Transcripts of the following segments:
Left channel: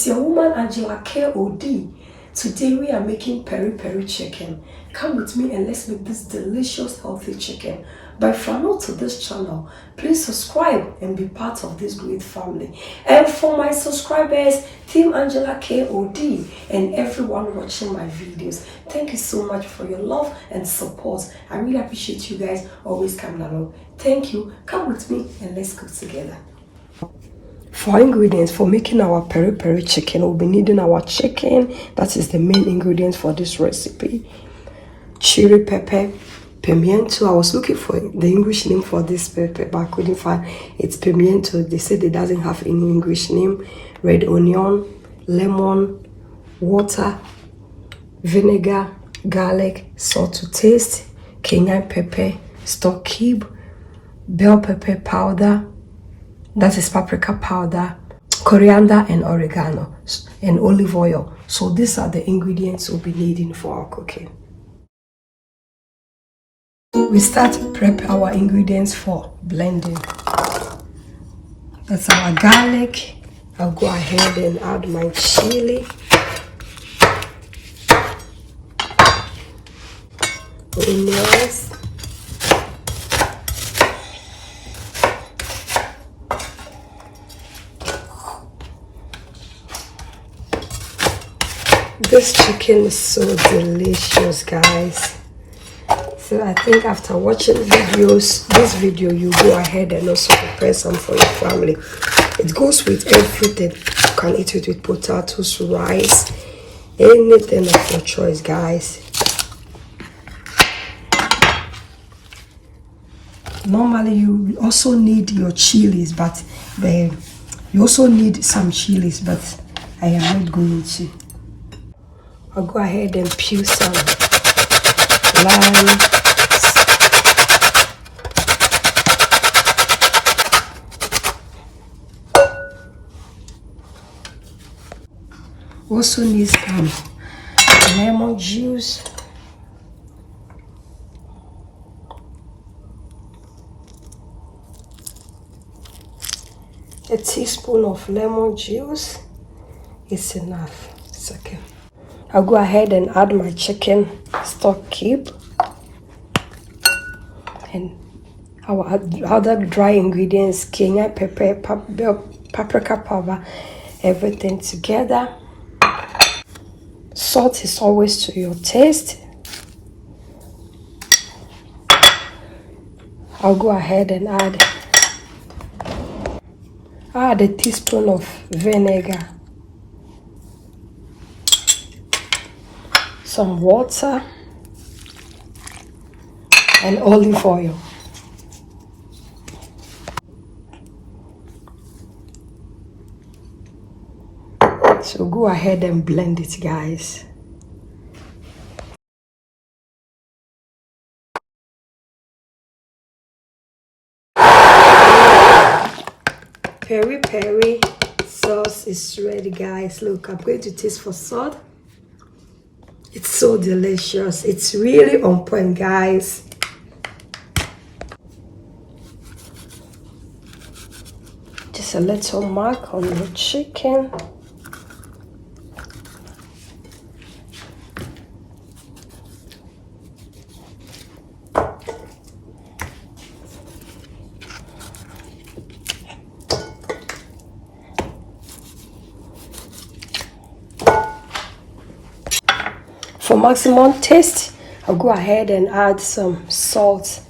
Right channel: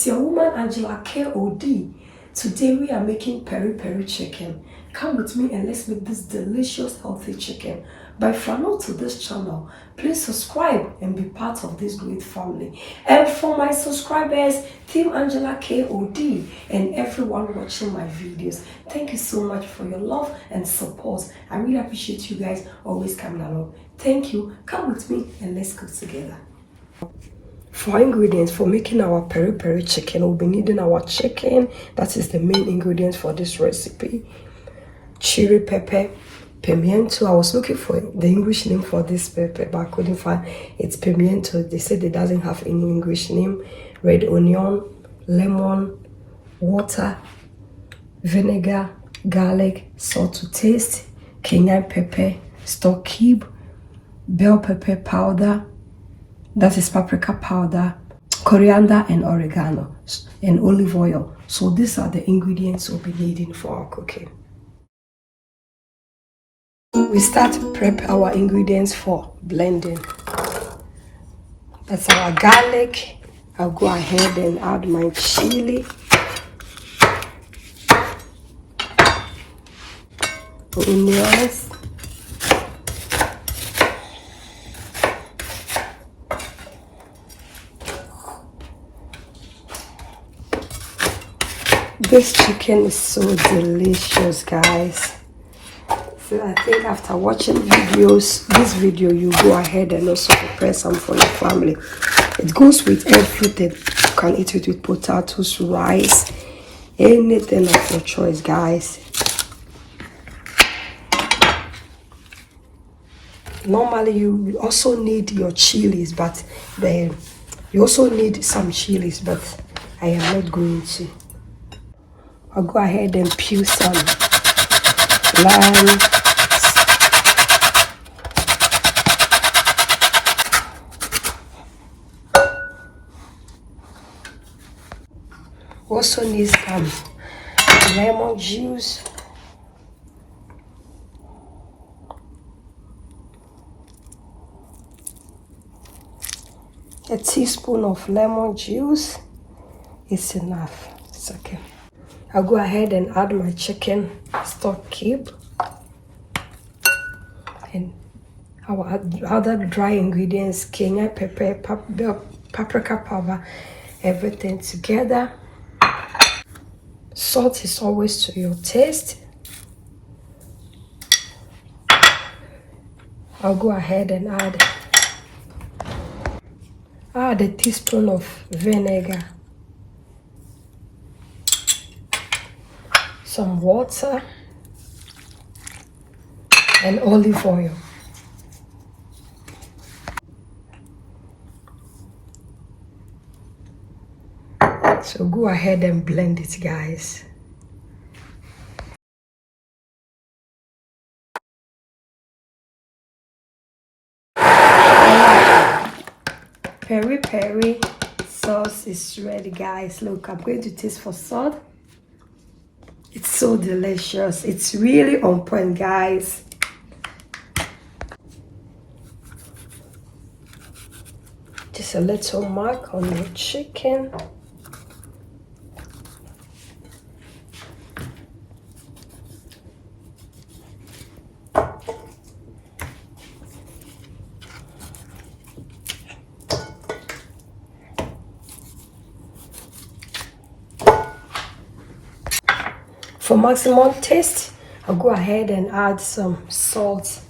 It's your woman Angela KOD. Today we are making peri peri chicken. Come with me and let's make this delicious healthy chicken. But if you're new to this channel, please subscribe and be part of this great family. And for my subscribers, Team Angela KOD and everyone watching my videos, thank you so much for your love and support. I really appreciate you guys always coming along. Thank you. Come with me and let's cook together. For ingredients for making our peri peri chicken, we'll be needing our chicken. That is the main ingredients for this recipe. Chili pepper, pimiento. I was looking for the English name for this pepper, but I couldn't find. It's pimiento. They said it doesn't have any English name. Red onion, lemon, water, vinegar, garlic, salt to taste, cayenne pepper, stock cube, bell pepper powder. That is paprika powder, coriander and oregano, and olive oil. So these are the ingredients we'll be needing for our cooking. We start to prep our ingredients for blending. That's our garlic. I'll go ahead and add my chili. Onions. This chicken is so delicious, guys. So I think after watching this video, you go ahead and also prepare some for your family. It goes with everything. You can eat it with potatoes, rice, anything of your choice, guys. Normally, you also need your chilies, but you also need some chilies, but I am not going to. I'll go ahead and peel some lime. Also need some lemon juice. A teaspoon of lemon juice is enough. It's okay. I'll go ahead and add my chicken stock cube and our other dry ingredients, cayenne pepper, paprika powder, everything together. Salt is always to your taste. I'll go ahead and add a teaspoon of vinegar, some water, and olive oil. So go ahead and blend it, guys. Peri peri sauce is ready, guys. Look, I'm going to taste for salt. It's so delicious. It's really on point, guys. Just a little mark on the chicken. For maximum taste, I'll go ahead and add some salt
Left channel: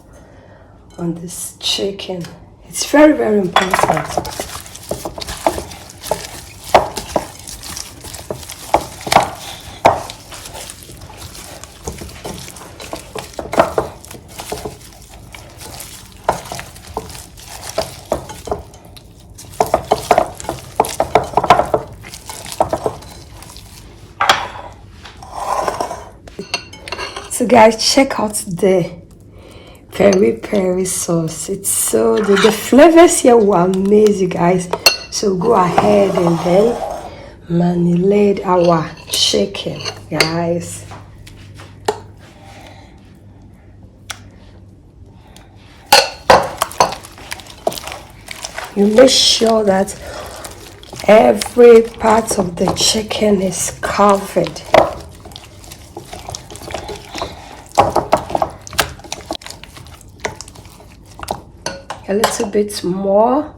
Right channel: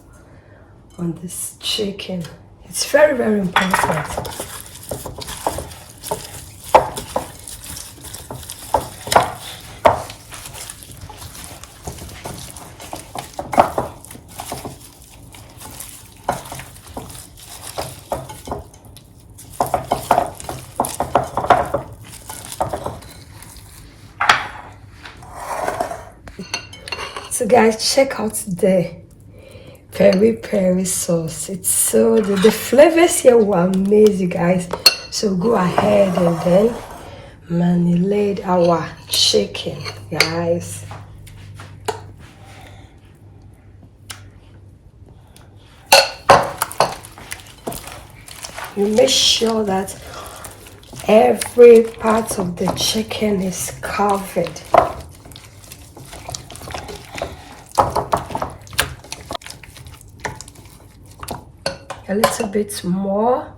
on this chicken. It's very, very important. So guys, check out the peri peri sauce. It's so the flavors here will amaze you guys. So go ahead and then marinate our chicken, guys. You make sure that Every part of the chicken is covered. A little bit more.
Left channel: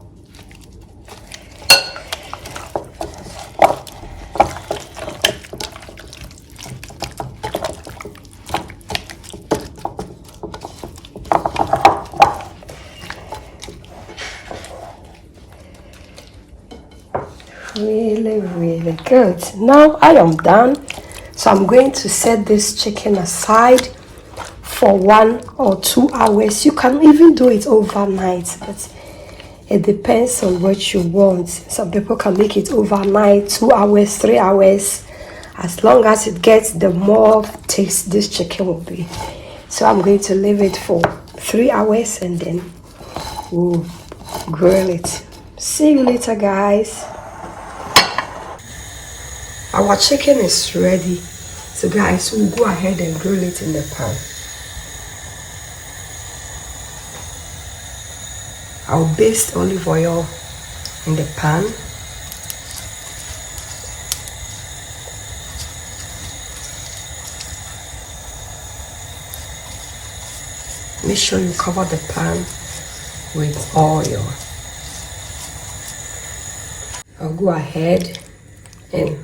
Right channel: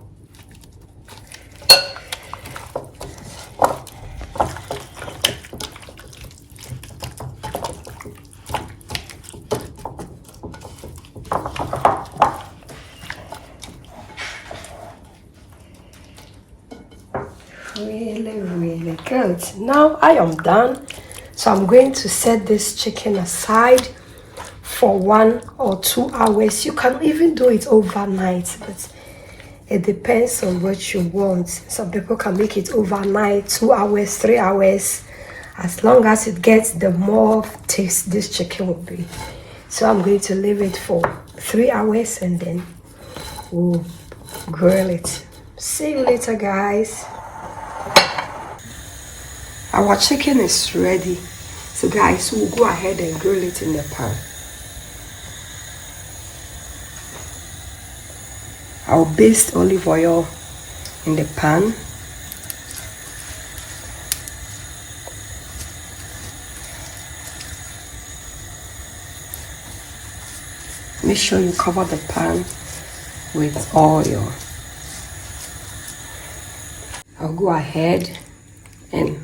Really good. Now I am done, so I'm going to set this chicken aside for 1 or 2 hours. You can even do it overnight, but it depends on what you want. Some people can make it overnight, 2 hours, 3 hours. As long as it gets, the more taste this chicken will be. So I'm going to leave it for 3 hours and then we'll grill it. See you later, guys. Our chicken is ready. So guys, we'll go ahead and grill it in the pan. I'll baste olive oil in the pan. Make sure you cover the pan with oil. I'll go ahead and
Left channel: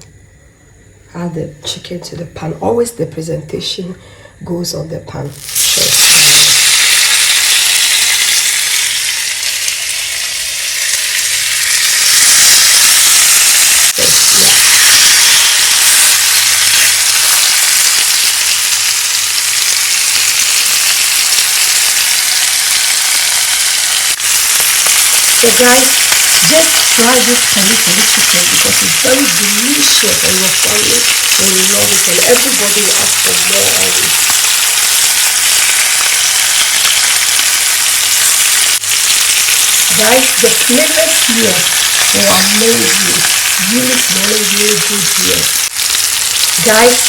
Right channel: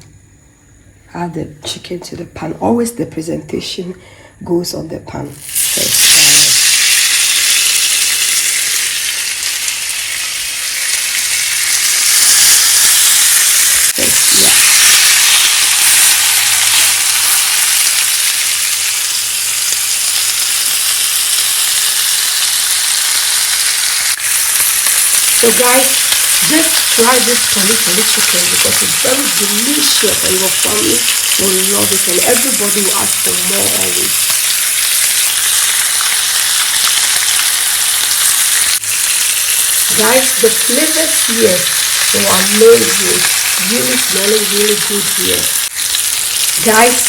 add the chicken to the pan. Always the presentation goes on the pan. So guys, just try this Peri Peri chicken because it's very delicious and your family will love it and everybody will ask for more always. Guys, the flavors here are amazing. Really good here. Guys,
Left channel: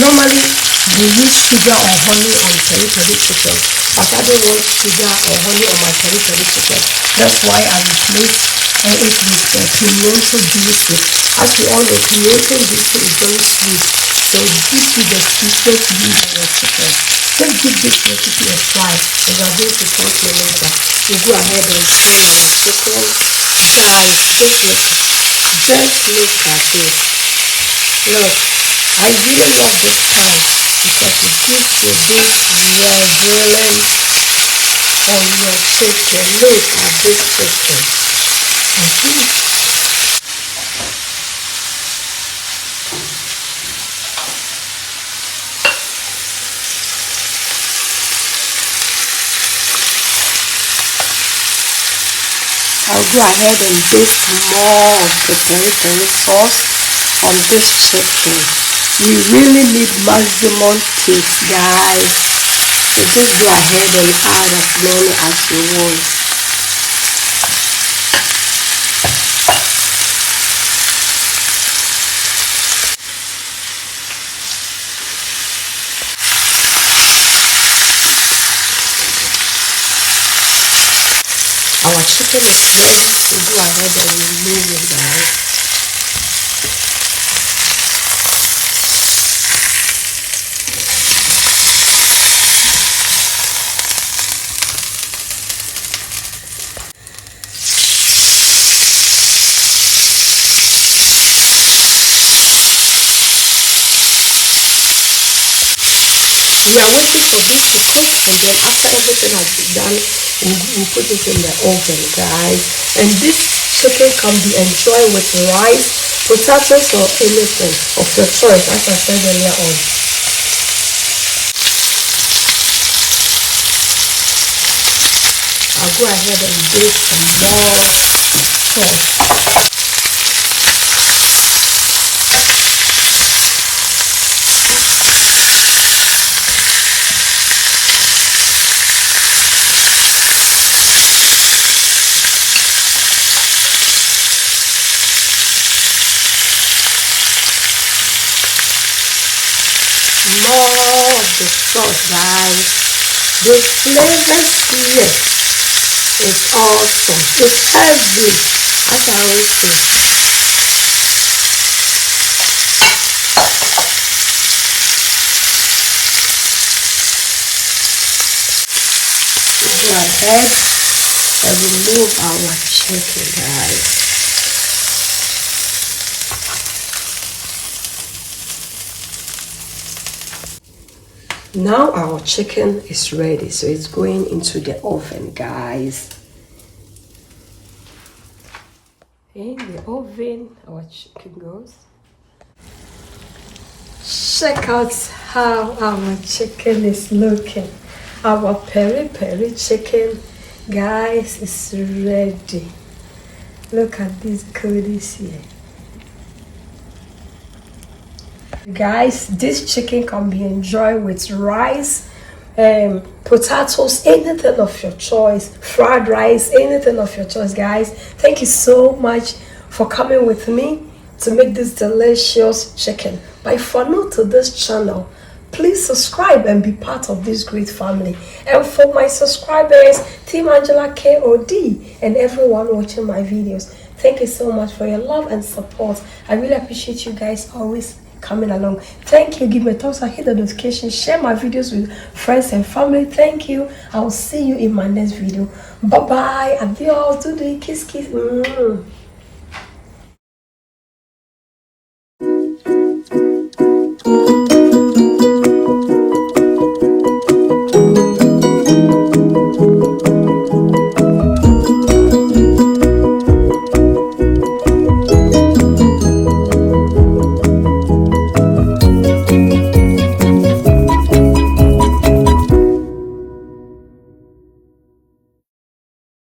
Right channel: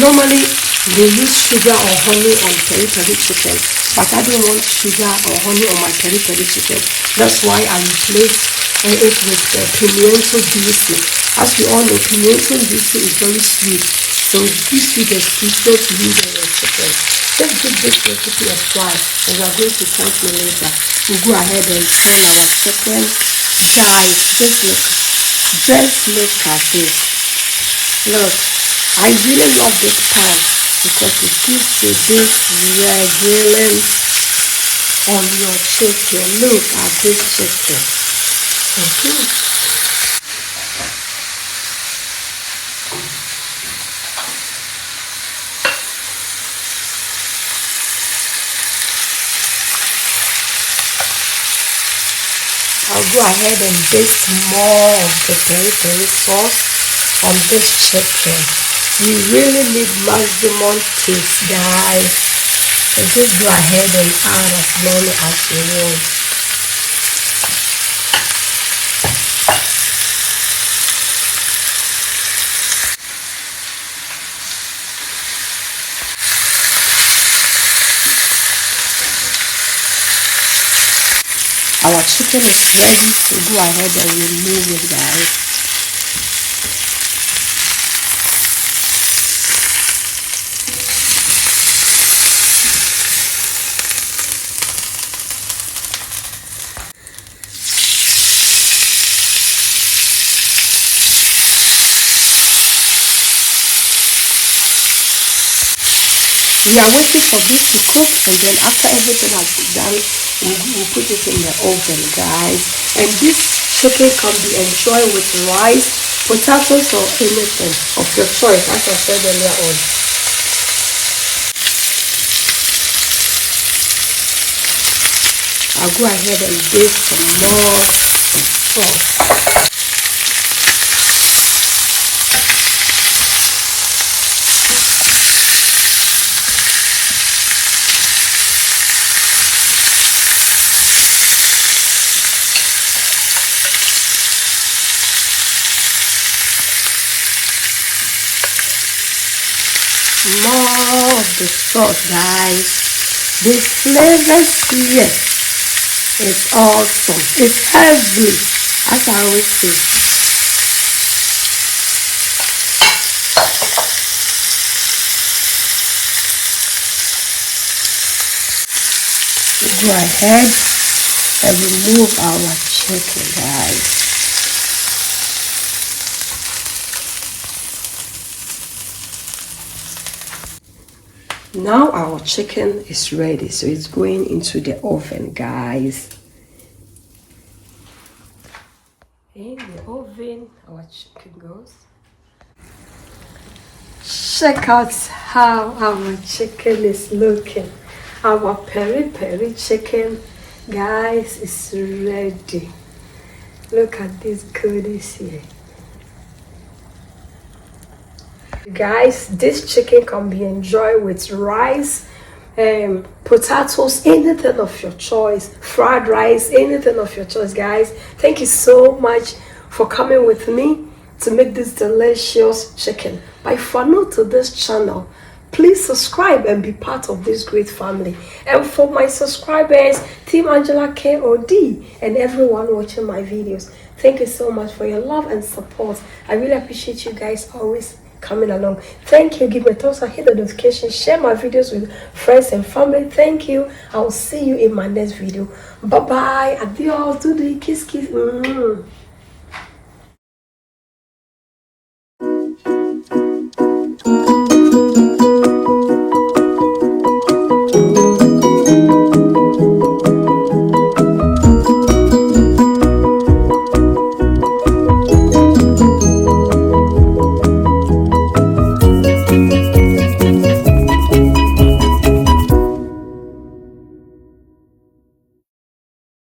normally they use sugar or honey on Peri Peri chicken, but I don't want sugar or honey on my Peri Peri chicken. That's why I replace it with pimiento juice. As we all know, pimiento juice is very sweet, so this is the sweetest meat on your chicken. Let's give this recipe a try, and we are going to talk to you later. We go ahead and turn our chicken. Guys, just look at this. Look, I really love this pan because it gives you this real grilling on your chicken. Look at this chicken. I'll go ahead and baste more of the Peri Peri sauce on this chicken. You really need maximum taste, guys. So just go ahead and add as many as you want. Our chicken is ready, so go ahead and remove it, guys. We are waiting for this to cook, and then after everything has been done, we put it in the oven, guys. And this chicken can be enjoyed with rice, potatoes, or anything of your choice, as I said earlier on. I'll go ahead and do some more sauce. More of the sauce, guys. The flavors here is awesome. It's heavy, as I always say. ahead and remove our chicken, guys. Now our chicken is ready, so it's going into the oven, guys. In the oven, our chicken goes. Check out how our chicken is looking. Our peri peri chicken, guys, is ready. Look at these goodies here. Guys, this chicken can be enjoyed with rice, potatoes, anything of your choice, fried rice, anything of your choice, guys. Thank you so much for coming with me to make this delicious chicken. But if you are new to this channel, please subscribe and be part of this great family. And for my subscribers, Team Angela KOD, and everyone watching my videos, thank you so much for your love and support. I really appreciate you guys always coming along. Thank you. Give me a thumbs up, hit the notification, share my videos with friends and family. Thank you. I will see you in my next video. Bye bye. Adios. Do the kiss kiss. Mm.